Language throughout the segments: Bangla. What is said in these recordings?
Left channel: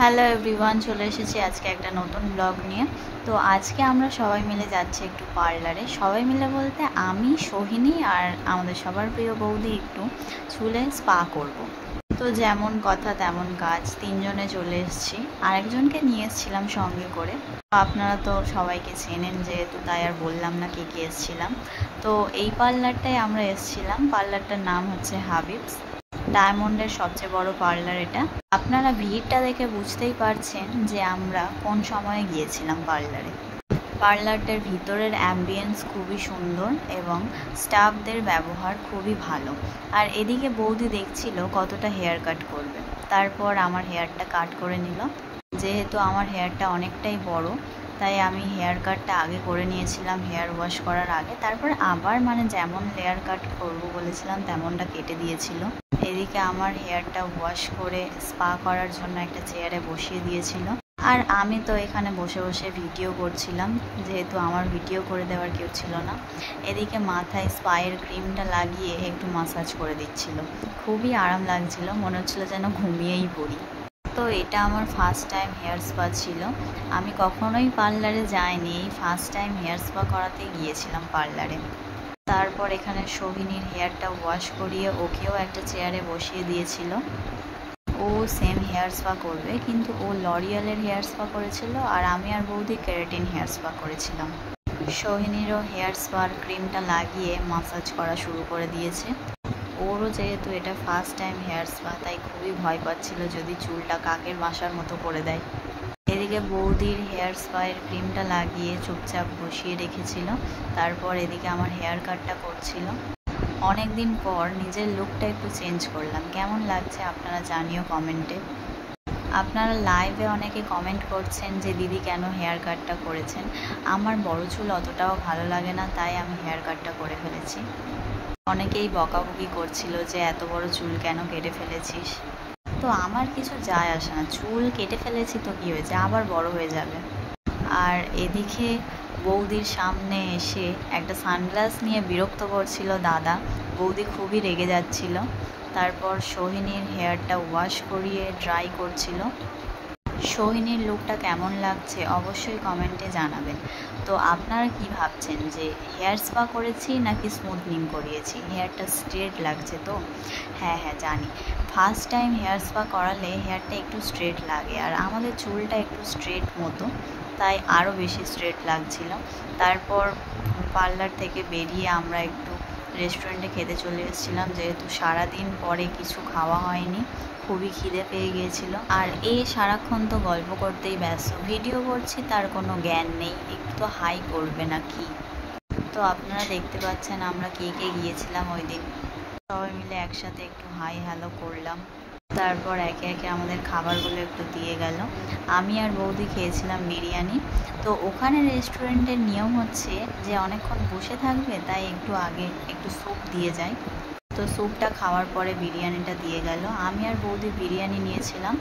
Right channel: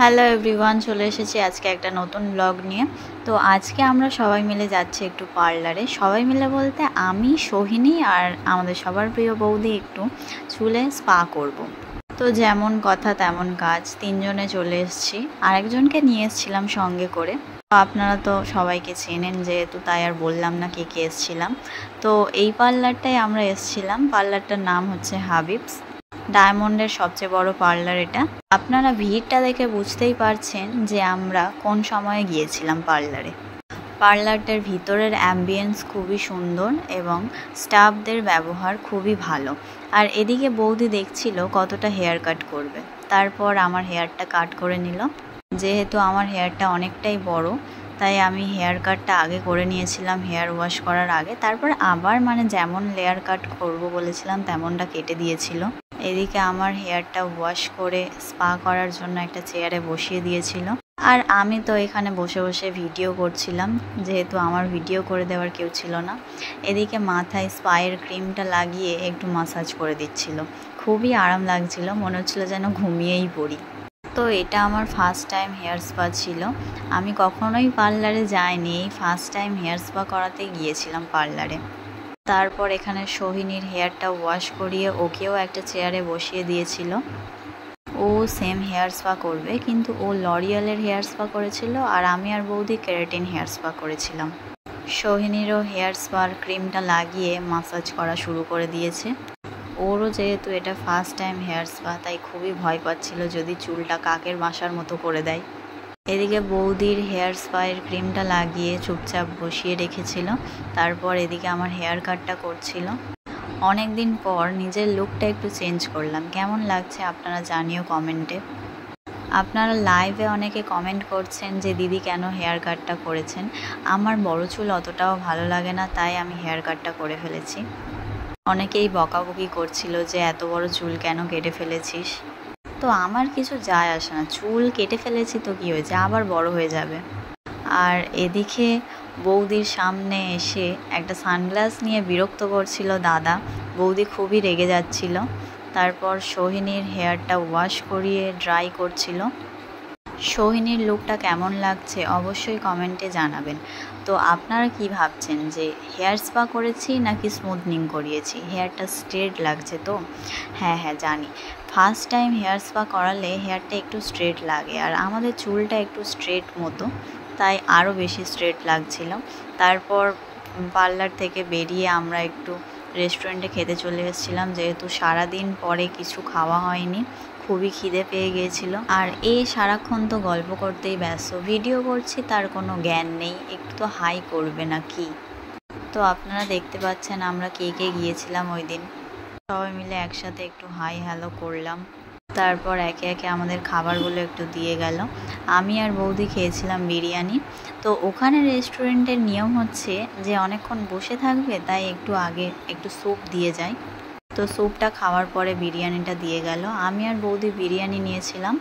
হ্যালো এভরিওয়ান, চলে এসেছি আজকে একটা নতুন ব্লগ নিয়ে। তো আজকে আমরা সবাই মিলে যাচ্ছি একটু পার্লারে। সবাই মিলে বলতে আমি, সোহিনী আর আমাদের সবার প্রিয় বৌদি একটু চুলে স্পা করব। তো যেমন কথা তেমন কাজ, তিনজনে চলে এসেছি। আরেকজনকে নিয়ে এসেছিলাম সঙ্গে করে। আপনারা তো সবাইকে চেনেন যেহেতু, তাই আর বললাম না কে কে এসেছিলাম। তো এই পার্লারটাই আমরা এসেছিলাম। পার্লারটার নাম হচ্ছে হাবিবস, ডায়মন্ডের সবচেয়ে বড় পার্লার এটা। আপনারা ভিড়টা দেখে বুঝতেই পারছেন যে আমরা কোন সময়ে গিয়েছিলাম পার্লারে। পার্লারটার ভিতরের অ্যাম্বিয়েন্স খুবই সুন্দর এবং স্টাফদের ব্যবহার খুবই ভালো। আর এদিকে বৌদি দেখছিল কতটা হেয়ার কাট করবে। তারপর আমার হেয়ারটা কাট করে নিল। যেহেতু আমার হেয়ারটা অনেকটাই বড়, তাই আমি হেয়ার কাটটা আগে করে নিয়েছিলাম হেয়ার ওয়াশ করার আগে। তারপর আবার যেমন লেয়ার কাট করব বলেছিলাম তেমনটা কেটে দিয়েছিল। এদিকে আমার হেয়ারটা ওয়াশ করে স্পা করার জন্য একটা চেয়ারে বসিয়ে দিয়েছিল। আর আমি তো এখানে বসে বসে ভিডিও করছিলাম, যেহেতু আমার ভিডিও করে দেওয়ার কেউ ছিল না। এদিকে মাথায় স্পায়ের ক্রিমটা লাগিয়ে একটু মাসাজ করে দিচ্ছিল। খুবই আরাম লাগছিল, মনে হচ্ছিল যেন ঘুমিয়েই পড়ি। তো এটা আমার ফার্স্ট টাইম হেয়ার স্পা ছিল। আমি কখনোই পার্লারে যাইনি, এই ফার্স্ট টাইম হেয়ার স্পা করাতে গিয়েছিলাম পার্লারে। তারপর এখানে সোহিনীর হেয়ারটা ওয়াশ করিয়ে ওকেও একটা চেয়ারে বসিয়ে দিয়েছিল। ও সেম হেয়ার স্পা করবে, কিন্তু ও লরিয়ালের হেয়ার স্পা করেছিল আর আমি আর বৌদি কেরাটিন হেয়ার স্পা করেছিলাম। সোহিনীরও হেয়ার স্পার ক্রিমটা লাগিয়ে মাসাজ করা শুরু করে দিয়েছে। ওরও যেহেতু এটা ফার্স্ট টাইম হেয়ার স্পা, তাই খুবই ভয় পাচ্ছিল যদি চুলটা কাকের বাসার মতো করে দেয়। এদিকে বৌদির হেয়ার স্পায়ের ক্রিমটা লাগিয়ে চুপচাপ বসিয়ে রেখেছিল। তারপর এদিকে আমার হেয়ার কাটটা করছিল। অনেক দিন পর নিজের লুকটা একটু চেঞ্জ করলাম। কেমন লাগছে আপনারা জানিও কমেন্টে। আপনারা লাইভে অনেকে কমেন্ট করছেন যে দিদি কেন হেয়ার কাটটা করেছেন। আমার বড় চুল অতটাও ভালো লাগে না, তাই আমি হেয়ার কাটটা করে ফেলেছি। অনেকেই বকাবকি করছিল যে এত বড় চুল কেন কেটে ফেলেছিস। তো আমার কিছু যায় আসে না, চুল কেটে ফেলেছি তো কী হয়েছে, আবার বড় হয়ে যাবে। আর এদিকে বৌদির সামনে এসে একটা সানগ্লাস নিয়ে বিরক্ত করছিল দাদা। বৌদি খুবই রেগে যাচ্ছিল। তারপর সোহিনীর হেয়ারটা ওয়াশ করিয়ে ড্রাই করছিল। সোহিনীর লুকটা কেমন লাগছে অবশ্যই কমেন্টে জানাবেন। তো আপনারা কি ভাবছেন যে হেয়ার স্পা করেছি নাকি স্মুথনিং করিয়েছি? হেয়ারটা স্ট্রেট লাগছে তো? হ্যাঁ জানি, ফার্স্ট টাইম হেয়ার স্পা করালে হেয়ারটা একটু স্ট্রেট লাগে, আর আমাদের চুলটা একটু স্ট্রেট মতো, তাই আরও বেশি স্ট্রেট লাগছিল। তারপর পার্লার থেকে বেরিয়ে আমরা একটু রেস্টুরেন্টে খেতে চলে এসেছিলাম, যেহেতু সারাদিন পরে কিছু খাওয়া হয়নি, খুবই খিদে পেয়ে গিয়েছিল। আর সারাক্ষণ তো গল্প করতেই ব্যস্ত, ভিডিও করছি তার কোনো জ্ঞান নেই, একটু হাই করবে না কি। তো আপনারা দেখতে পাচ্ছেন আমরা কে কে গিয়েছিলাম ওই দিন। সবাই মিলে একসাথে একটু হাই হ্যালো করলাম। তারপর একে একে আমাদের খাবারগুলো একটু দিয়ে গেল। আমি আর বৌদি খেয়েছিলাম বিরিয়ানি। তো ওখানে রেস্টুরেন্টের নিয়ম হচ্ছে যে অনেকক্ষণ বসে থাকবে, তাই একটু আগে একটু স্যুপ দিয়ে যায়। তো স্যুপটা খাওয়ার পরে বিরিয়ানিটা দিয়ে গেল। আমি আর বৌদি বিরিয়ানি নিয়েছিলাম,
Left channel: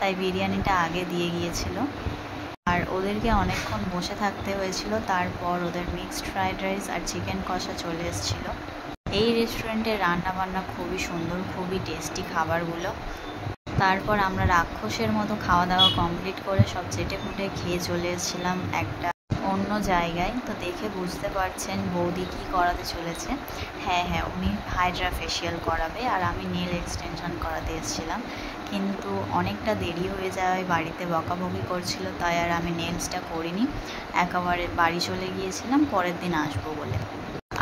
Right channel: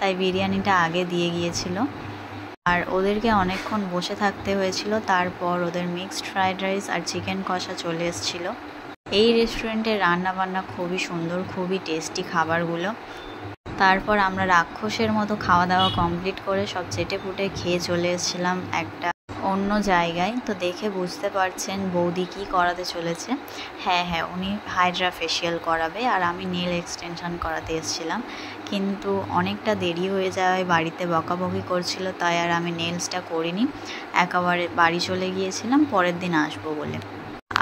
তাই বিরিয়ানিটা আগে দিয়ে গিয়েছিল। আর ওদেরকে অনেকক্ষণ বসে থাকতে হয়েছিল। তারপর ওদের মিক্সড ফ্রাইড রাইস আর চিকেন কষা চলে এসেছিলো। এই রেস্টুরেন্টের রান্নাবান্না খুবই সুন্দর, খুবই টেস্টি খাবারগুলো। তারপর আমরা রাক্ষসের মতো খাওয়া দাওয়া কমপ্লিট করে সব চেটে ফুটে খেয়ে চলে এসেছিলাম একটা অন্য জায়গায়। তো দেখে বুঝতে পারছেন বৌদি কী করাতে চলেছে। হ্যাঁ উনি হাইড্রা ফেশিয়াল করাবে, আর আমি নেল এক্সটেনশন করাতে এসেছিলাম। কিন্তু অনেকটা দেরি হয়ে যাওয়ায় বাড়িতে বকাবকি করছিল, তাই আর আমি নেলসটা করিনি, একেবারে বাড়ি চলে গিয়েছিলাম পরের দিন আসবো বলে।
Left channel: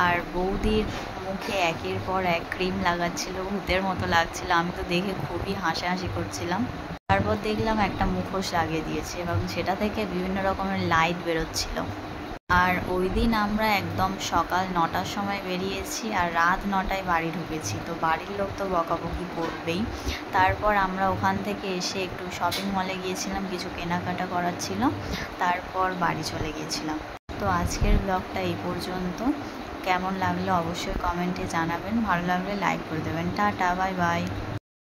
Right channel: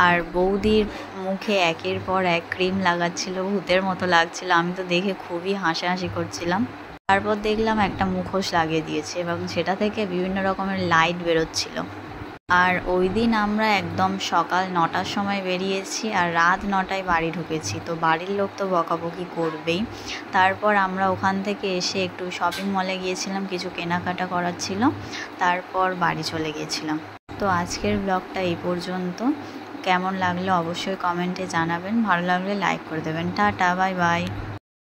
আর বৌদির মুখে একের পর এক ক্রিম লাগাচ্ছিল, ভূতের মতো লাগছিল। আমি তো দেখে খুবই হাসাহাসি করছিলাম। তারপর দেখলাম একটা মুখোশ লাগিয়ে দিয়েছে এবং সেটা থেকে বিভিন্ন রকমের লাইট বেরোচ্ছিল। আর ওই দিন আমরা একদম সকাল 9টার সময় বেরিয়েছি আর রাত 9টায় বাড়ি ঢুকেছি। তো বাড়ির লোক তো বকাবকি করবেই। তারপর আমরা ওখান থেকে এসে একটু শপিং মলে গিয়েছিলাম, কিছু কেনাকাটা করার ছিল। তারপর বাড়ি চলে গিয়েছিলাম। তো আজকের ব্লগটা এই পর্যন্ত। কেমন লাগলো অবশ্যই কমেন্টে জানাবেন, ভালো লাগলে লাইক করে দেবেন। Tata, bye bye.